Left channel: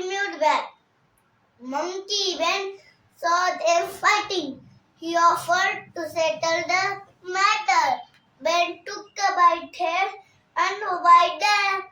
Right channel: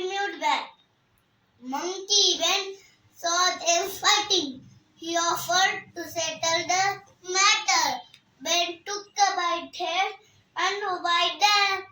removed back. Monkey when saw them fighting, he offered to settle the matter. Ben took the white hair and wiped the